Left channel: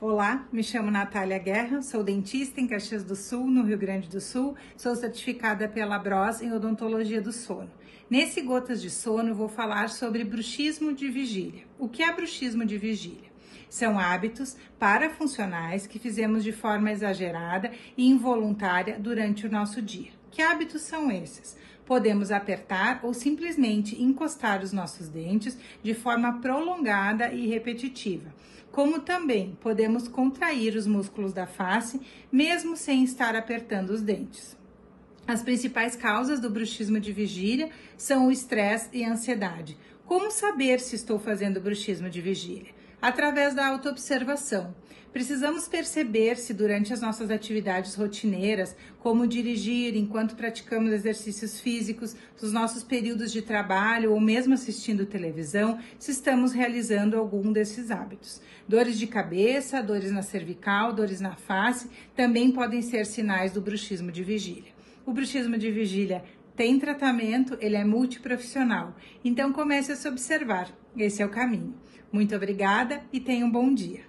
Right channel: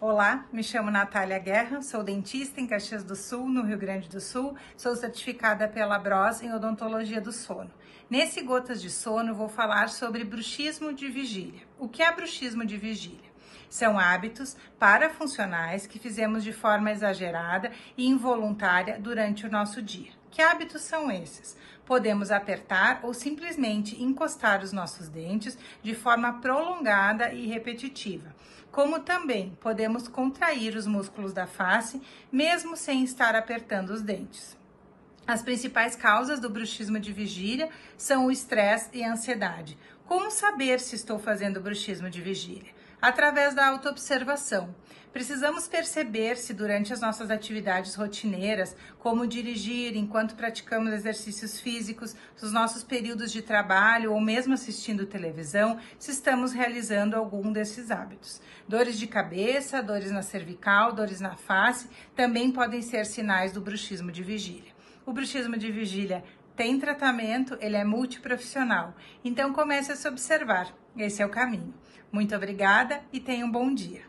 Olá, me chamo Natália Guerra, sou dentista em Caxias do Sul, no Rio Grande do Sul, sou certificada pela Bros em odontologia do sono. Nesse Gotas de Sono, eu vou falar sobre bruxismo de vigília. O que é bruxismo de vigília? São hábitos parafuncionais que fizemos de forma exagerada e involuntária durante o nosso dia. Que hábitos são esses? Podemos apertar ou simplesmente encostar os nossos dentes de forma prolongada e repetitiva. Como também podemos contrair os músculos da face, mesmo sem estar apertando os dentes. As principais causas do bruxismo de vigília são o estresse e a ansiedade. Como saber se estou fazendo bruxismo de vigília? Através da autoobservação. Precisamos perceber se durante as nossas atividades rotineiras, como dirigir enquanto praticamos exercícios físicos, nos nossos períodos de trabalho ou mesmo assistindo televisão, se estamos realizando algum desses hábitos. Dores de cabeça, dores na cervical, dores na face, também podem ser sinais do bruxismo de vigília. O bruxismo de vigília tem tratamento, ele é multiprofissional, então comece a se observar, esse é o caminho. Muito obrigada e tenha um bom dia.